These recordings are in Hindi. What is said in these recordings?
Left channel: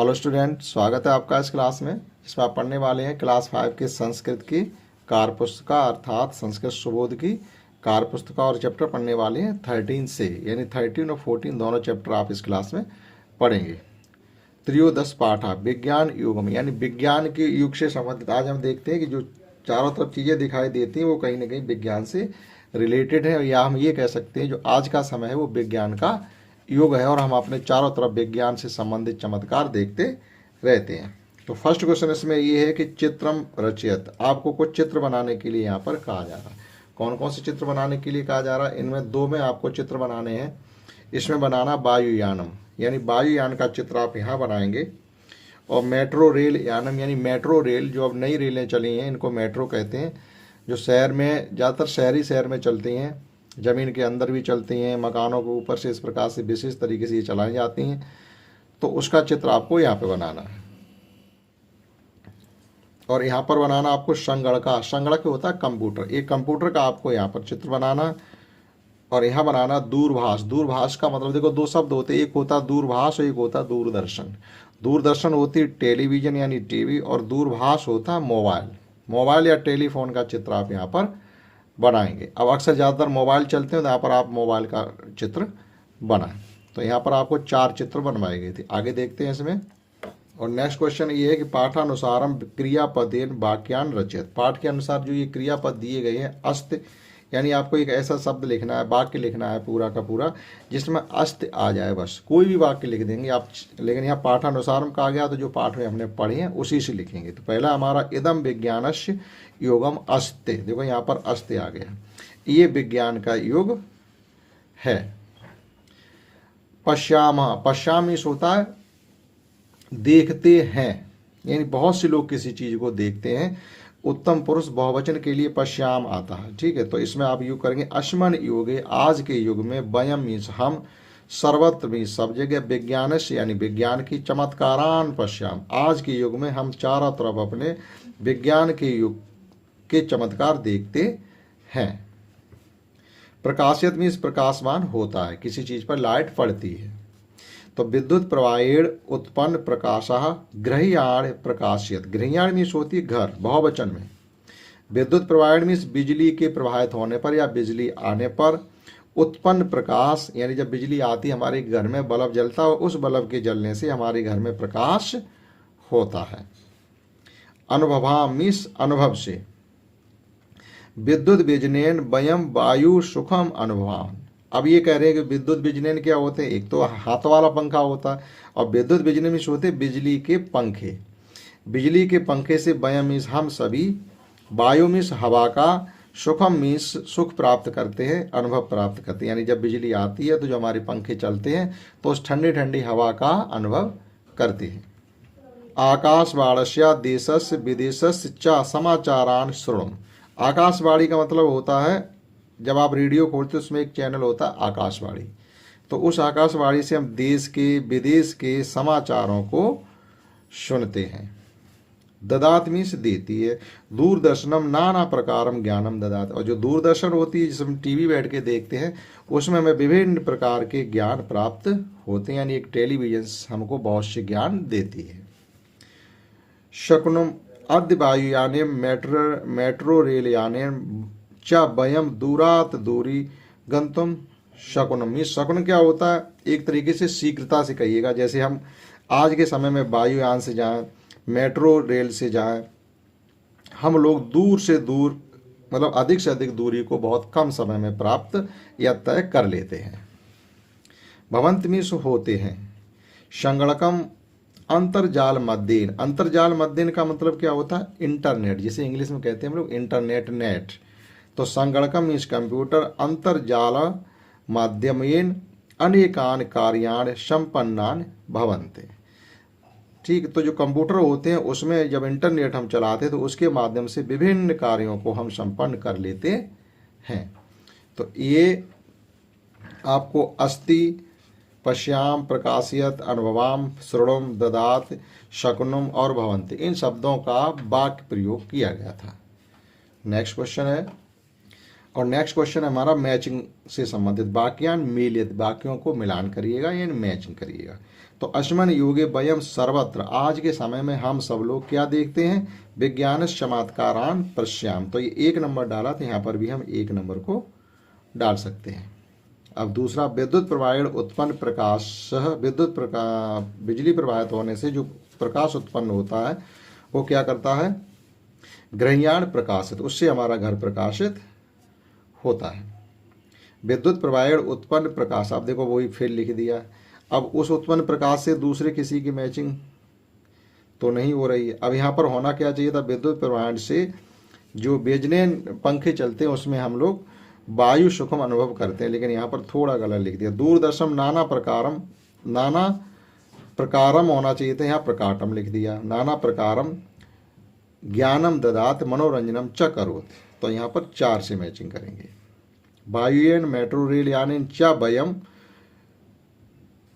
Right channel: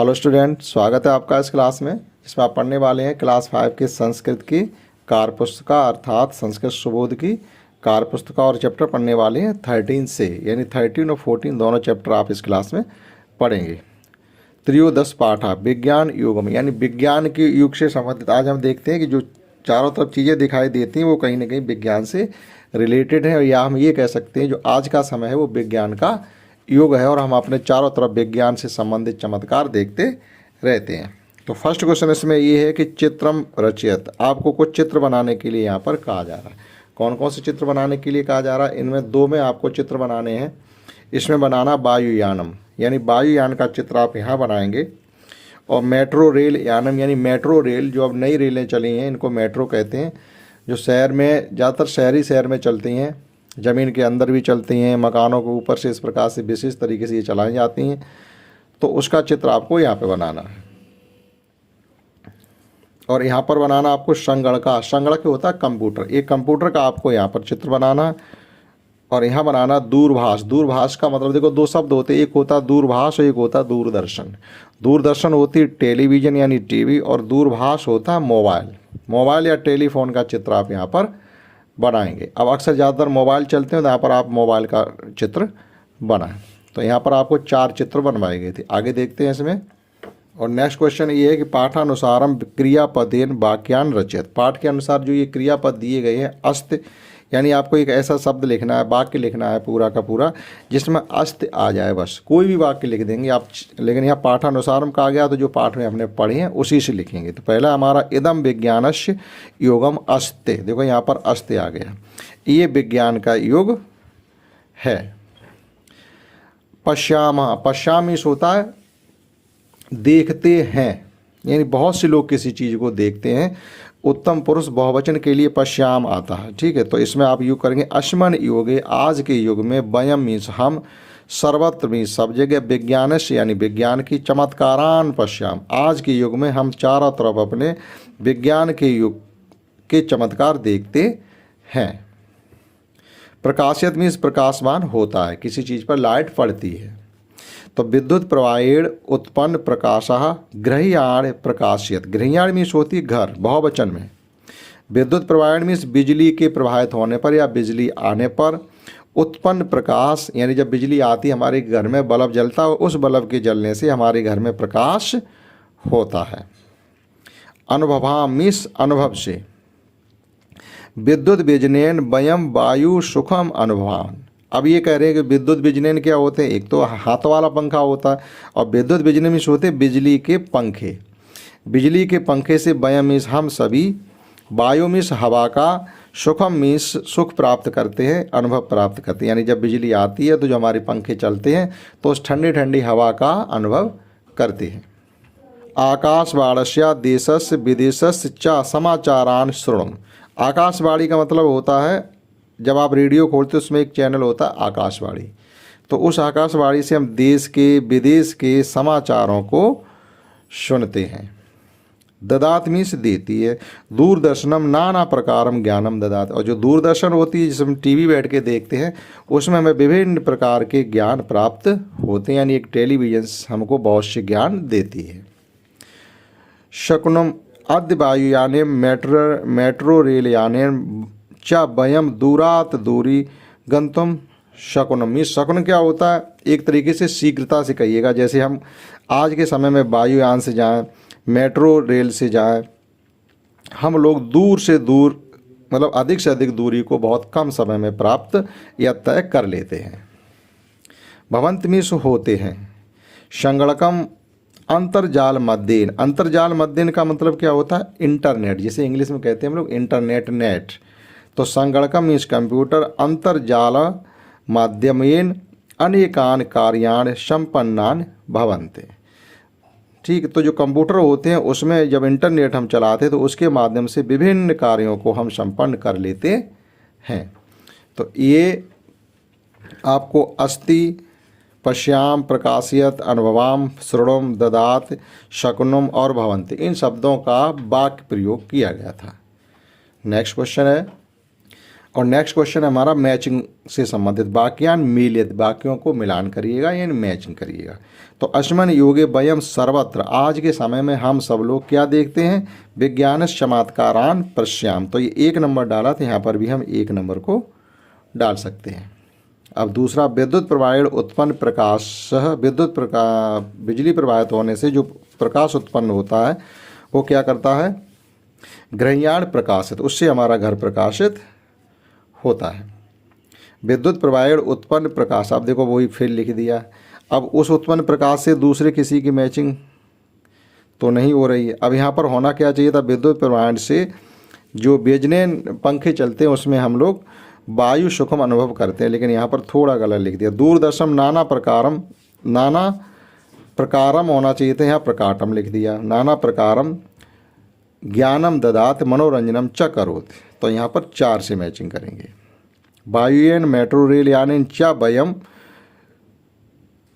हेलो स्टूडेंट, स्वागत है आपका इस क्लास में, जिसमें आप पढ़ने वाले हैं क्लास 5 की संस्कृत की कार्य पुस्तिका अर्थात संस्कृत सुबोध की कार्य पुस्तिका और चैप्टर पढ़ने वाले हैं 13 से, यानी 13 और 14 दोनों चैप्टर आप इस क्लास में पढ़ेंगे। त्रयोदश पाठ विज्ञान युग में, यानी विज्ञान के युग से संबंधित आज हम देखते हैं कि जो चारों तरफ चीज़ें दिखाई देती हैं वो कहीं ना कहीं विज्ञान से रिलेटेड है, या हम ये कह सकते हैं जो आज का समय है वो विज्ञान का युग है और हम अपने चारों तरफ विज्ञान से संबंधित चमत्कार देखते रहते हैं। तो फर्स्ट क्वेश्चन इसमें ये है कि चित्रम रचयत, आपको कुछ चित्र बनाने के लिए यहाँ पर कहा जा रहा है। कौन कौन से चित्र बनाने के लिए कहा जा रहा है? इनमें दो में आपको चित्र बनाने हैं। इसमें बनाना वायुयानम, यानी वायुयान का चित्र आप यहाँ बनाएंगे, और मेट्रो रेल यानम, यानी मेट्रो रेल, जो अब नई रेलें चली हैं इनको मेट्रो कहते हैं, जो शहर में ज़्यादातर शहरी शहर में चलती हैं, ज़मीन के अंदर भी चलती हैं, मकानों के ऊपर से इस प्रकार से विशेष तरीके से ये चलाई जाती हैं। तो उसका चित्र आपको यहाँ पे बनाना है। और यहाँ पर बनाना आपको संगणक होता है कंप्यूटर, एक कंप्यूटर का आपको यहाँ पर चित्र बनाना। और यहाँ बनाना दूरभाष। दूरभाष का मतलब देखो दो शब्द होते हैं, एक होता दूरभाष और एक होता दूरदर्शन। दूरदर्शन होती टेलीविज़न यानी टीवी, और दूरभाष होता मोबाइल या टेलीफोन का चित्र आप यहाँ पर बनाएंगे। अब अक्सर ज़्यादातर मोबाइल चलते हैं तो यहाँ पर आप मोबाइल का चित्र बनाएं। तो यहाँ पर आपको 4 चित्र बनवाए गए थे। आगे देखते हैं इसमें। और नेक्स्ट क्वेश्चन ये है कि पाठानुसारम क्रियापदेन वाक्यान रचयत। पाठ के अनुसार जो ये क्रियापद दिए गए हैं, अस्त, यानी आपको एक ऐसा शब्द लिखना है, वाक्य लिखना है पूरा का पूरा जिसमें अस्त आ जाए, बस कोई भी वाक्य लिख देंगे आप। लेकिन यहाँ पाठानुसारम कहा गया तो जो पाठ में हमने पढ़े हैं उसी से लिखेंगे। तो पहला हमारा इदम विज्ञानस्य योगम अस्ते, देखो यहाँ पर अस्ते आ गया, ये विज्ञान का युग है। पश्यामी होता है देखते हैं, यानी बहुत से लोग किसी चीज़ को देखते हैं। उत्तम पुरुष बहुवचन के लिए पश्याम आता है, ठीक है। तो इसमें आप युग करेंगे अस्मन योगे, आज के युग में, वयम मीन्स हम, सर्वत्र मीन्स सब जगह, विज्ञानस्य यानी विज्ञान की, चमत्कारान पश्याम, आज के युग में हम चारों तरफ अपने विज्ञान के युग के चमत्कार देखते हैं। प्रकाशित मीन्स प्रकाशमान होता है, किसी चीज़ पर लाइट पड़ती है। तो विद्युत प्रवाहेण उत्पन्न प्रकाशः गृह्याण प्रकाशित। गृह्याण मीन्स होती है घर, बहुवचन में। विद्युत प्रवाहेण मीन्स बिजली के प्रवाहित होने पर या बिजली आने पर। उत्पन्न प्रकाश यानी जब बिजली आती है हमारे घर में, बल्ब जलता है, उस बल्ब के जलने से हमारे घर में प्रकाश होता है। अनुभवा मीन्स अनुभव से। विद्युत बिजनेन वयम वायु सुखम अनुभवान। अब ये कह रहे हैं कि विद्युत बिजनेन क्या होते हैं? एक तो हाथ वाला पंखा होता है, और विद्युत बिजली में होते हैं बिजली के पंखे। बिजली के पंखे से वयम मीन्स हम सभी, वायु मीन्स हवा का, सुखम मीन्स सुख प्राप्त करते हैं, अनुभव प्राप्त करते हैं। यानी जब बिजली आती है तो जो हमारे पंखे चलते हैं तो उस ठंडी ठंडी हवा का अनुभव करते हैं। आकाशवाणस्य देशस्य विदेशस्य च समाचारान श्रृणुम। आकाशवाणी का मतलब होता है जब आप रेडियो खोलते हो उसमें एक चैनल होता है आकाशवाणी, तो उस आकाशवाणी से हम देश के विदेश के समाचारों को सुनते हैं। ददात मीन्स देती है। दूरदर्शनम नाना प्रकारम ज्ञानम ददात, और जो दूरदर्शन होती है जिसे हम टीवी बैठ के देखते हैं उसमें हमें विभिन्न प्रकार के ज्ञान प्राप्त होते हैं, यानी एक टेलीविज़न हमको बहुत से ज्ञान देती है। शकुनम अद्य वायुयाने मेट्रो रेल याने च वयम दूरात दूरी गंतुम शकुनम। ये शकुन क्या होता है? एक तरीके से शीघ्रता से कहिएगा, जैसे हम आज के समय में वायुयान से जाएं, मेट्रो रेल से जाएं, हम लोग दूर से दूर, मतलब अधिक से अधिक दूरी को बहुत कम समय में प्राप्त या तय कर लेते हैं। भवंत मीन्स होते हैं। संगणकम अंतर्जाल मध्येन। अंतर्जाल मध्येन का मतलब क्या होता है? इंटरनेट, जिसे इंग्लिश में कहते हैं हम लोग इंटरनेट, नेट। तो संगणकम मीन्स कंप्यूटर, अंतर्जाल माध्यमेन अनेकान कार्यान संपन्नान भवन्ते। ठीक, तो जो कंप्यूटर होते हैं उसमें जब इंटरनेट हम चलाते हैं तो उसके माध्यम से विभिन्न कार्यों को हम संपन्न कर लेते हैं। तो ये आपको अस्ति, पश्याम, प्रकाशियत, अनुभवाम, श्रृणुम, ददात, शकुनम और भवन्ति, इन शब्दों का वाक्य प्रयोग किया गया था। नेक्स्ट क्वेश्चन है और नेक्स्ट क्वेश्चन है हमारा मैचिंग से संबंधित, वाक्यान मिलित, वाक्यों को मिलान करिएगा यानी मैचिंग करिएगा। तो अस्मिन् युगे वयम सर्वत्र, आज के समय में हम सब लोग क्या देखते हैं, विज्ञान चमत्कारान पश्याम। तो ये 1 नंबर डाला, तो यहाँ पर भी हम 1 नंबर को डाल सकते हैं। अब दूसरा, विद्युत प्रवाहेण उत्पन्न प्रकाश, बिजली प्रवाहित होने से जो प्रकाश उत्पन्न होता है वो क्या करता है, गृह्याण प्रकाशित, उससे हमारा घर प्रकाशित होता है। विद्युत प्रवाहेण उत्पन्न प्रकाश, आप देखो वही फिर लिख दिया। अब उस उत्पन्न प्रकाश से दूसरे किसी की मैचिंग तो नहीं हो रही है। अब यहाँ पर होना क्या चाहिए था, विद्युत प्रवाहेण से जो बिजनेन पंखे चलते हैं उसमें हम लोग वायु सुखम अनुभव करते हैं, लेकिन यहाँ पर थोड़ा गलत लिख दिया। दूरदर्शन नाना प्रकारम होना चाहिए था, यहाँ प्रकाटम लिख दिया। नाना प्रकारम ज्ञानम ददात मनोरंजनम च करोत, तो यहाँ पर 4 से मैचिंग करेंगे। वायुयन मेट्रो रेल यानी च वयम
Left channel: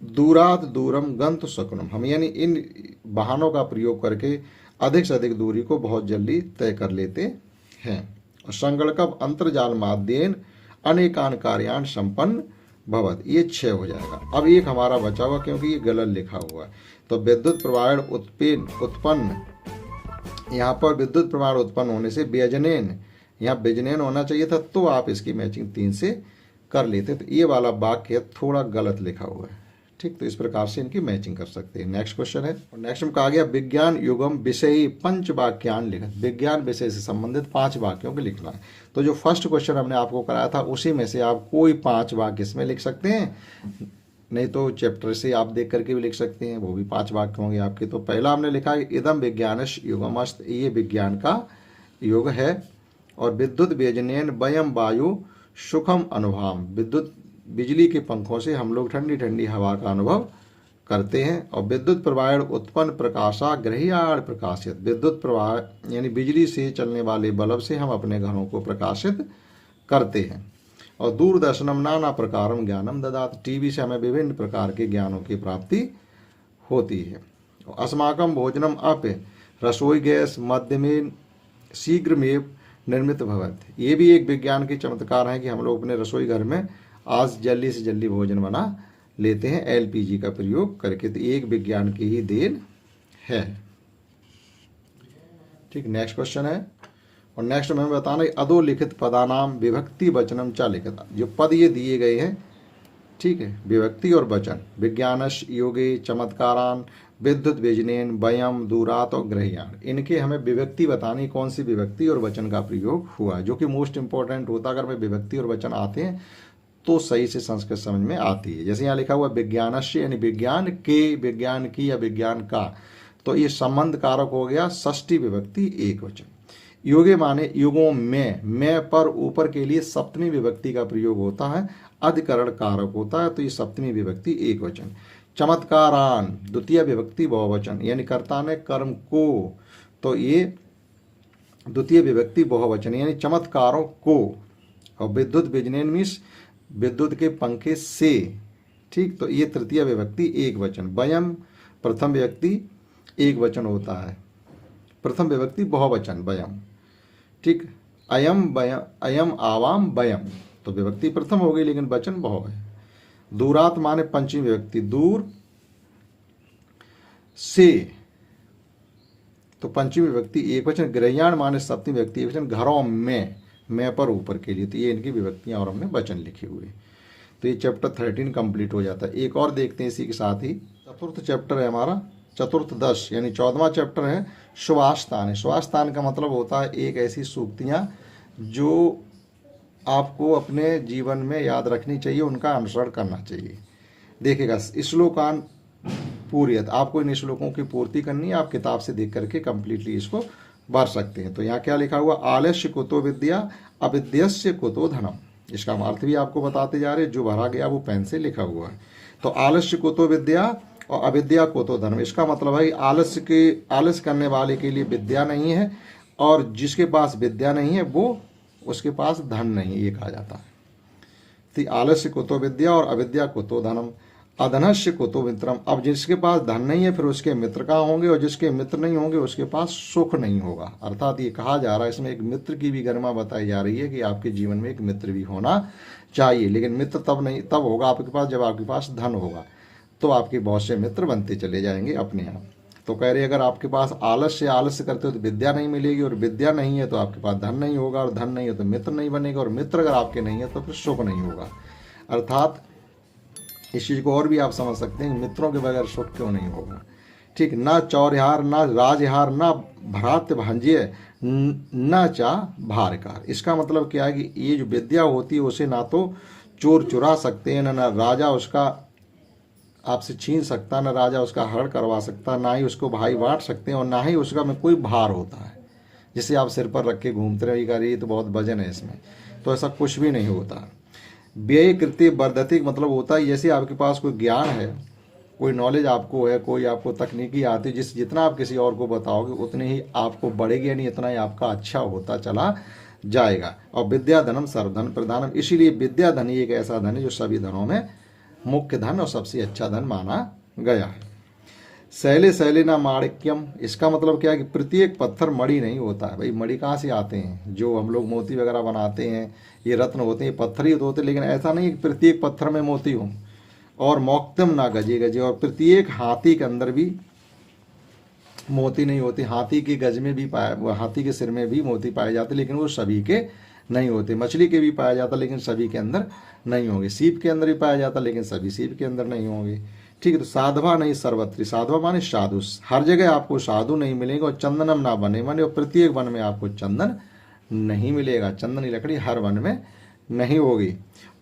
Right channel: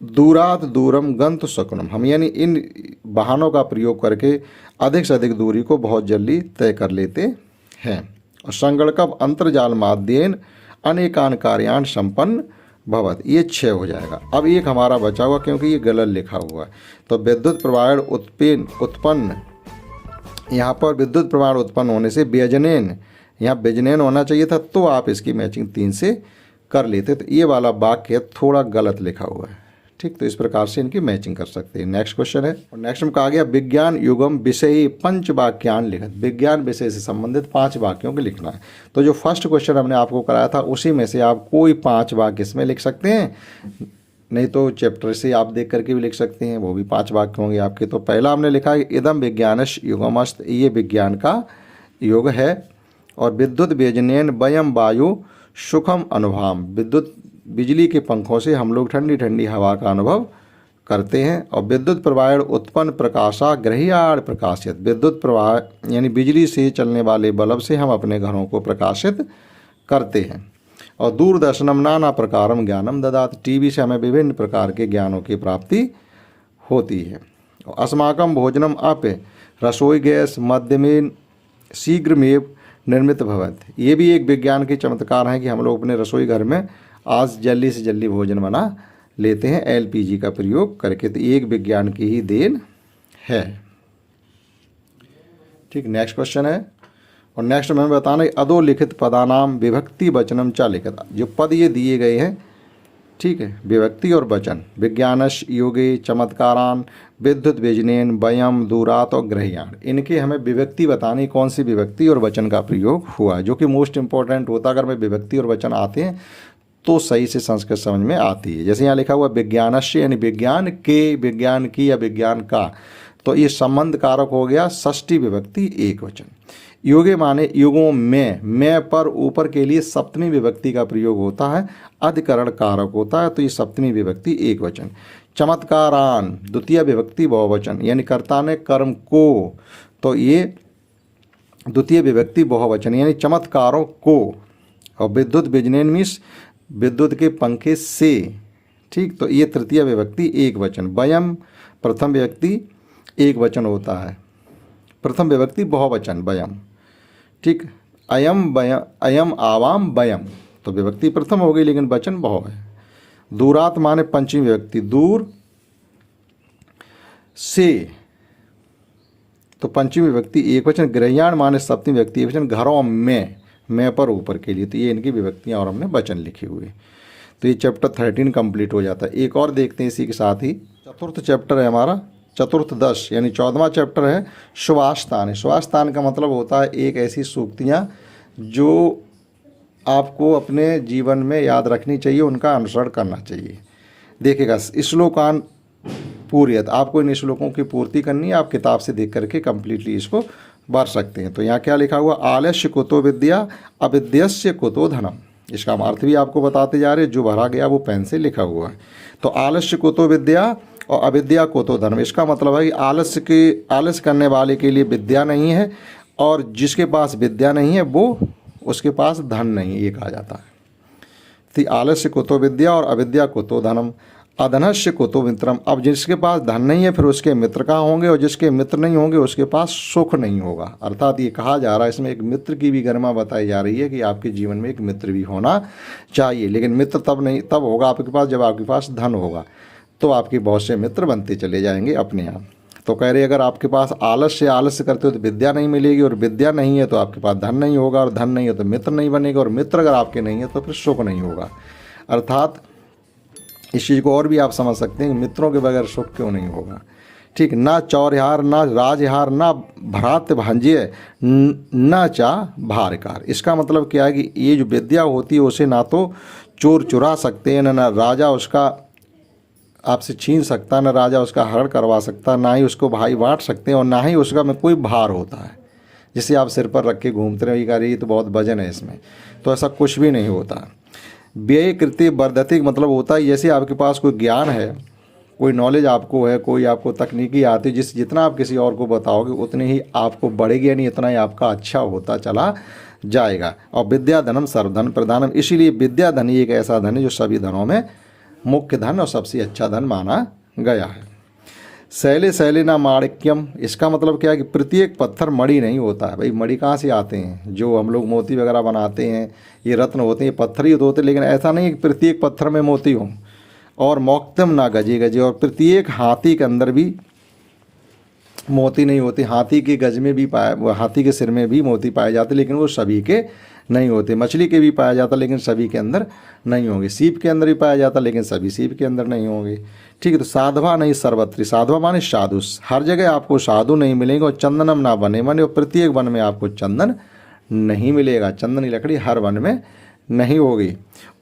दूरात दूरम गंत शकुनम, हम यानी इन वाहनों का प्रयोग करके अधिक से अधिक दूरी को बहुत जल्दी तय कर लेते हैं। और संगणकम अंतर्जाल माध्येन अनेकान कार्यान संपन्न भवत, ये 6 हो जाएगा। अब एक हमारा बचा हुआ क्योंकि ये गलत लिखा हुआ है। तो विद्युत प्रवाहेण उत्पन्न, यहाँ पर विद्युत प्रवाह उत्पन्न होने से व्यजनेन, यहाँ व्यजनेन होना चाहिए था, तो आप इसकी मैचिंग 3 से कर लेते। तो ये वाला वाक्य थोड़ा गलत लिखा हुआ है, ठीक। तो इस प्रकार से इनकी मैचिंग कर सकते हैं। नेक्स्ट क्वेश्चन है, और नेक्स्ट में कहा गया विज्ञान युगम विषयी पंच वाक्यान लिखत, विज्ञान विषय से संबंधित 5 वाक्यों को लिखना है। तो जो फर्स्ट क्वेश्चन हमने आपको कराया था उसी में से आप कोई 5 वाक्य इसमें लिख सकते हैं, नहीं तो चैप्टर से आप देख करके भी लिख सकते हैं, वो भी 5 वाक्य होंगे आपके। तो पहला हमने लिखा है इदम विज्ञानश युगमस्त, ये विज्ञान का युग है। और विद्युत व्यजनेन वयम वायु सुखम अनुभव, विद्युत बिजली के पंखों से हम लोग ठंडी ठंडी हवा का अनुभव करते हैं। और विद्युत प्रवाहेण उत्पन्न प्रकाशा गृह्याण प्रकाशित, विद्युत प्रवाह यानी बिजली से चलने वाले बल्ब से हम अपने घरों को प्रकाशित करते हैं। और दूरदर्शनम नाना प्रकारम ज्ञानम ददात, टीवी से हमें विभिन्न प्रकार के ज्ञानों की प्राप्ति होती है। अस्माकम भोजनम अपे रसोई गैस मध्यमेन शीघ्रमेव निर्मित भवत, ये भी एक विज्ञान के चमत्कार है कि हम लोग अपने रसोई घर में आज जल्दी से जल्दी भोजन बना लेते हैं एलपीजी का प्रयोग करके। तो एक विज्ञान की ही देन है, ठीक। नेक्स्ट क्वेश्चन है, और नेक्स्ट में बताना है अधोलिखित पदानाम विभक्ति वचनम चा लिखित, जो पद ये दिए गए हैं, ठीक है, विभक्ति और वचन, विज्ञानश योगे चमत्कारान विद्युत व्यजनेन वयम दूरात और गृह्याण, इनके हमें विभक्ति बतानी, कौन सी विभक्ति और वचन का प्रयोग हुआ है, जो कि मोस्ट इंपॉर्टेंट होता है। अगर हमें विभक्ति और वचन आते हैं तो सही से संस्कृत समझ में आती है। जैसे यहाँ लिखा हुआ विज्ञानस्य यानी विज्ञान के, विज्ञान की या विज्ञान का, तो ये संबंध कारक हो गया, षष्ठी विभक्ति एक वचन। योगे माने युगों में, मैं पर ऊपर के लिए सप्तमी विभक्ति का प्रयोग होता है, अधिकरण कारक होता है, तो ये सप्तमी विभक्ति एक वचन। चमत्कारान द्वितीय विभक्ति बहुवचन, यानी कर्ता ने कर्म को, तो ये द्वितीय विभक्ति बहुवचन यानी चमत्कारों को। और विद्युत व्यजनेन मीन्स विद्युत के पंखे से, ठीक, तो ये तृतीय विभक्ति एक वचन। वयम प्रथम विभक्ति एक वचन होता है, प्रथम विभक्ति बहुवचन वयम, ठीक। अयम आवाम वयम, तो विभक्ति प्रथम हो गई लेकिन वचन बहु है। दूरात माने पंचमी विभक्ति, दूर से, तो पंचमी विभक्ति एक वचन। गृह्याण माने सप्तमी विभक्ति एक वचन, घरों में, मैं पर ऊपर के लिए, तो ये इनकी विभक्तियां और हमने वचन लिखे हुए। तो ये चैप्टर 13 कंप्लीट हो जाता है। एक और देखते हैं इसी के साथ ही, चतुर्थ चैप्टर है हमारा, चतुर्थ 10 यानी 14वां चैप्टर है सुवास्थान। सुवास्थान का मतलब होता है एक ऐसी सूक्तियाँ जो आपको अपने जीवन में याद रखनी चाहिए, उनका अनुसरण करना चाहिए। देखिएगा, श्लोकान पूर्यत, आपको इन श्लोकों की पूर्ति करनी है, आप किताब से देख करके कंप्लीटली इसको भर सकते हैं। तो यहाँ क्या लिखा हुआ, आलस्य कुतो विद्या अविद्यस्य कुतो धनम, इसका अर्थ भी आपको बताते जा रहे हैं, जो भरा गया वो पेन से लिखा हुआ है। तो आलस्य कुतो विद्या और अविद्या कुतो धनम, इसका मतलब है आलस्य करने वाले के लिए विद्या नहीं है, और जिसके पास विद्या नहीं है वो उसके पास धन नहीं है, ये कहा जाता है। तो आलस्य कुतो विद्या और अविद्या कुतो धनम। अधनस्य कुतो मित्रम। अब जिसके पास धन नहीं है फिर उसके मित्र कहाँ होंगे, और जिसके मित्र नहीं होंगे उसके पास सुख नहीं होगा। अर्थात ये कहा जा रहा है, इसमें एक मित्र की भी गरिमा बताई जा रही है कि आपके जीवन में एक मित्र भी होना चाहिए। लेकिन मित्र तब होगा आपके पास जब आपके पास धन होगा, तो आपके बहुत से मित्र बनते चले जाएंगे अपने आप। तो कह रहे अगर आपके पास आलस्य करते हो तो विद्या नहीं मिलेगी, और विद्या नहीं है तो आपके पास धन नहीं होगा, और धन नहीं है तो मित्र नहीं बनेगा, और मित्र अगर आपके नहीं है तो फिर सुख नहीं होगा। अर्थात इस चीज़ को और भी आप समझ सकते हैं, मित्रों के बगैर सुख क्यों नहीं होगा। ठीक, ना चौरहार ना राजहार ना भ्रात भांज्य न चा भारकार। इसका मतलब क्या है कि ये जो विद्या होती है उसे ना तो चोर चुरा सकते हैं, ना राजा उसका आपसे छीन सकता, ना राजा उसका हरण करवा सकता, ना ही उसको भाई बांट सकते हैं, और ना ही उसका में कोई भार होता है जिसे आप सिर पर रख के घूमते रहे, ये तो बहुत वजन है इसमें, तो ऐसा कुछ भी नहीं होता। व्यय कृत्य वर्धते मतलब होता है जैसे आपके पास कोई ज्ञान है, कोई नॉलेज आपको है, कोई आपको तकनीकी आती है, जितना आप किसी और को बताओगे उतनी ही आपको बढ़ेगी, यानी इतना ही आपका अच्छा होता चला जाएगा। और विद्या धनम सर्वधन प्रधानम, इसीलिए विद्या धन ही एक ऐसा धन है जो सभी धनों में मुख्य धन और सबसे अच्छा धन माना गया है। शैले शैलिना माणिक्यम, इसका मतलब क्या है कि प्रत्येक पत्थर मणि नहीं होता है। भाई मणि कहाँ से आते हैं, जो हम लोग मोती वगैरह बनाते हैं ये रत्न होते हैं, पत्थर ही होते हैं, लेकिन ऐसा नहीं कि प्रत्येक पत्थर में मोती हो। और मौक्तम ना गजे गजे, और प्रत्येक हाथी के अंदर भी मोती नहीं होते। हाथी के गज में भी हाथी के सिर में भी मोती पाए जाते, लेकिन वो सभी के नहीं होते। मछली के भी पाया जाता लेकिन सभी के अंदर नहीं होंगे। सीप के अंदर भी पाया जाता लेकिन सभी सीप के अंदर नहीं होंगे। ठीक है, तो साधवा नहीं सर्वत्री, साधवा माने साधु, हर जगह आपको साधु नहीं मिलेंगे। और चंदनम ना बने बने, और प्रत्येक वन में आपको चंदन नहीं मिलेगा, चंदन की लकड़ी हर वन में नहीं होगी।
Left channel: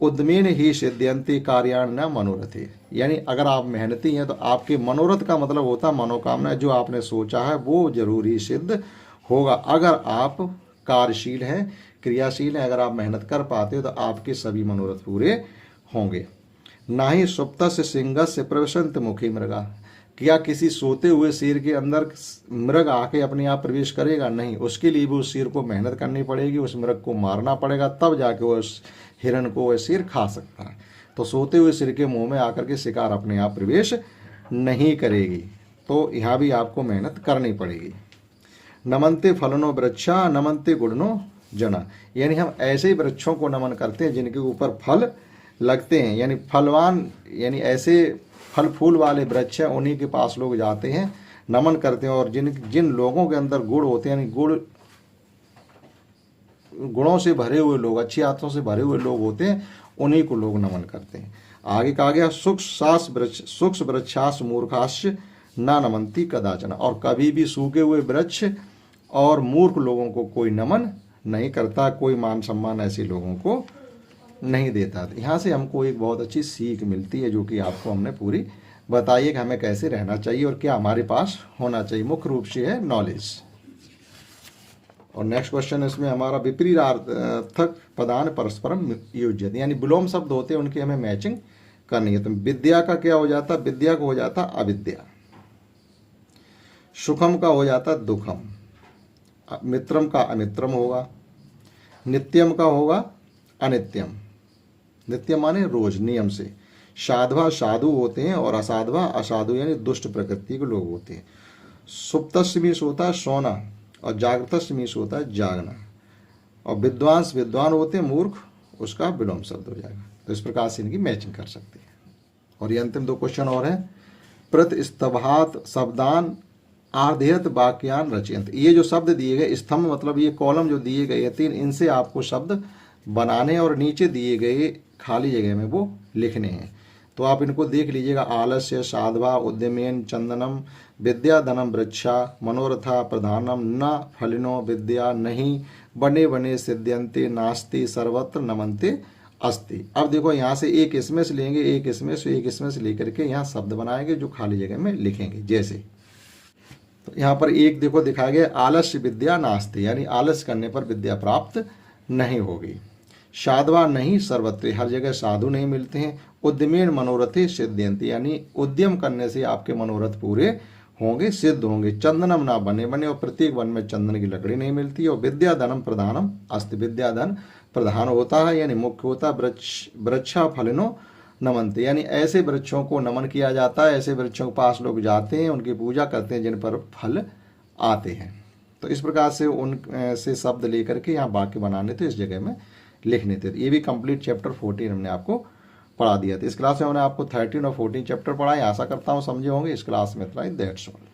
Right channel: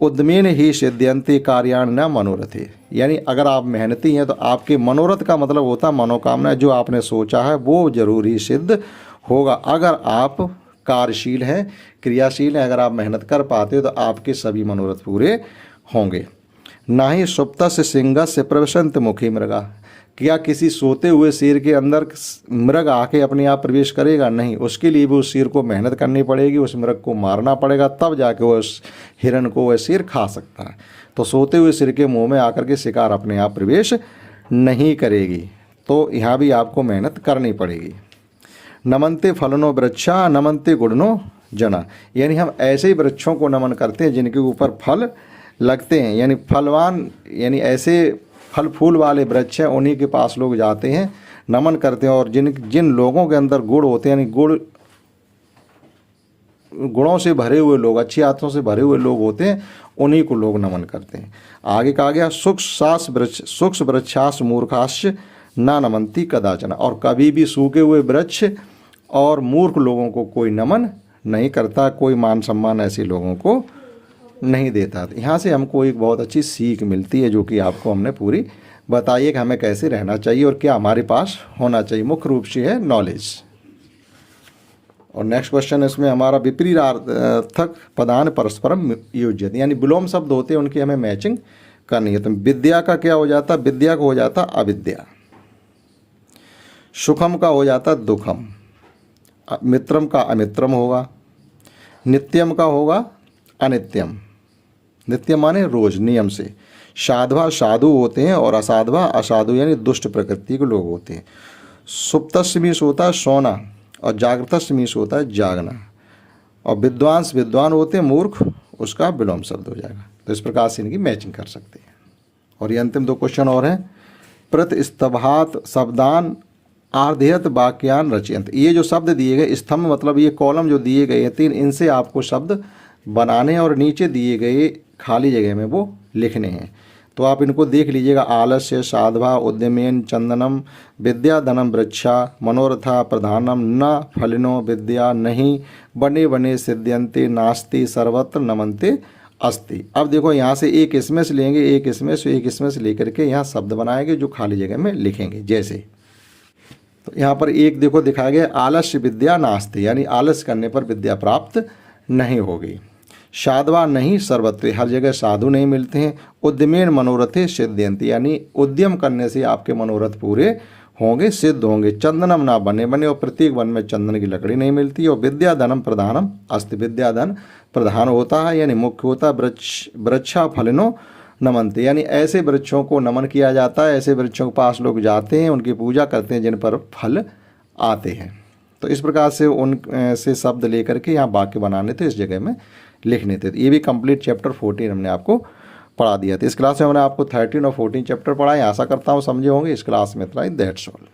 उद्यमेन ही सिद्ध्यन्ते कार्याण न मनोरथे, यानी अगर आप मेहनती हैं तो आपके मनोरथ का मतलब होता है मनोकामना, जो आपने सोचा है वो जरूर ही सिद्ध होगा। अगर आप कार्यशील हैं, क्रियाशील हैं, अगर आप मेहनत कर पाते हो तो आपके सभी मनोरथ पूरे होंगे। ना ही सुप्त से सिंह से प्रवसंत मुखी मृगा, क्या किसी सोते हुए शेर के अंदर मृग आके अपने आप प्रवेश करेगा? नहीं, उसके लिए भी उस शेर को मेहनत करनी पड़ेगी, उस मृग को मारना पड़ेगा, तब जाके वो उस हिरण को वह शेर खा सकता है। तो सोते हुए शेर के मुंह में आकर के शिकार अपने आप प्रवेश नहीं करेगी, तो यहाँ भी आपको मेहनत करनी पड़ेगी। नमनते फलनो वृक्षा नमनते गुणनो जना, यानी हम ऐसे ही वृक्षों को नमन करते हैं जिनके ऊपर फल लगते हैं, यानी फलवान, यानी ऐसे फल फूल वाले वृक्ष हैं, उन्हीं के पास लोग जाते हैं, नमन करते हैं। और जिन लोगों के अंदर गुण होते हैं, यानी गुणों से भरे हुए लोग, अच्छी आत्माओं से भरे हुए लोग होते हैं, उन्हीं को लोग नमन करते हैं। आगे कहा गया सूक्ष्म वृक्षास मूर्खाश्च ना नमंती कदाचन, और कभी भी सूखे हुए वृक्ष और मूर्ख लोगों को कोई नमन नहीं करता, कोई मान सम्मान ऐसे लोगों को नहीं देता। यहाँ से हमको एक बहुत अच्छी सीख मिलती है, जो कि आपको हमने पूरी बताई है कि हमें कैसे रहना चाहिए और क्या हमारे पास होना चाहिए। मुख्य रूप से है नॉलेज। और नेक्स्ट क्वेश्चन इसमें हमारा विपरीतार्थक पदान परस्परम योज्यत, यानी विलोम शब्द होते हैं उनकी हमें मैचिंग करनी है। तो विद्या का क्या हो जाता, विद्या को हो जाता अविद्या, सुखम का हो जाता दुखम, मित्रम का अमित्रम होगा, नित्यम का होगा अनित्यम, नित्य माने रोज नियम से, साधवा साधु होते हैं और असाधवा असाधु यानी दुष्ट प्रकृति के लोग होते हैं। सुप्तस्य मीन्स होता है सोना और जागृतस्य मीन्स होता है जागना, और विद्वान होते हैं मूर्ख, उसका विलोम शब्द हो जाएगा। तो इस प्रकार से इनकी मैचिंग कर सकते हैं। और ये अंतिम दो क्वेश्चन और हैं। प्रतिस्तभात शब्दान आर्धेयत वाक्यान रचयंत, ये जो शब्द दिए गए स्तंभ मतलब ये कॉलम जो दिए गए हैं तीन, इनसे आपको शब्द बनाने और नीचे दिए गए खाली जगह में वो लिखने हैं। तो आप इनको देख लीजिएगा। आलस्य साधवा उद्यमेन चंदनम विद्या धनम वृक्षा मनोरथा प्रधानम न फलिनो विद्या नहीं बने बने सिद्ध्यंते नास्ति सर्वत्र नमनते अस्ति। अब देखो यहाँ से एक इसमें से लेंगे, एक इसमें से, एक इसमें से लेकर के यहाँ शब्द बनाएंगे जो खाली जगह में लिखेंगे। जैसे तो यहाँ पर एक देखो दिखाया गया आलस्य विद्या नास्ति, यानी आलस करने पर विद्या प्राप्त नहीं होगी। साधवा नहीं सर्वत्र, हर जगह साधु नहीं मिलते हैं। उद्यमेन मनोरथे सिद्ध्यंति, यानी उद्यम करने से आपके मनोरथ पूरे होंगे, सिद्ध होंगे। चंदनम ना बने बने, और प्रत्येक वन में चंदन की लकड़ी नहीं मिलती। और विद्या धनम प्रधानम अस्ति, विद्या धन प्रधान होता है यानी मुख्य होता है। वृक्षा फलिनो नमनते, यानी ऐसे वृक्षों को नमन किया जाता है, ऐसे वृक्षों के पास लोग जाते हैं, उनकी पूजा करते हैं जिन पर फल आते हैं। तो इस प्रकार से उन से शब्द लेकर के यहाँ वाक्य बनाने थे, इस जगह में लिखने थे। तो ये भी कंप्लीट चैप्टर 14 हमने आपको पढ़ा दिया था। इस क्लास में हमने आपको 13 और 14 चैप्टर पढ़ाए। आशा करता हूँ समझे होंगे। इस क्लास में इतना ही, दैट्स ऑल।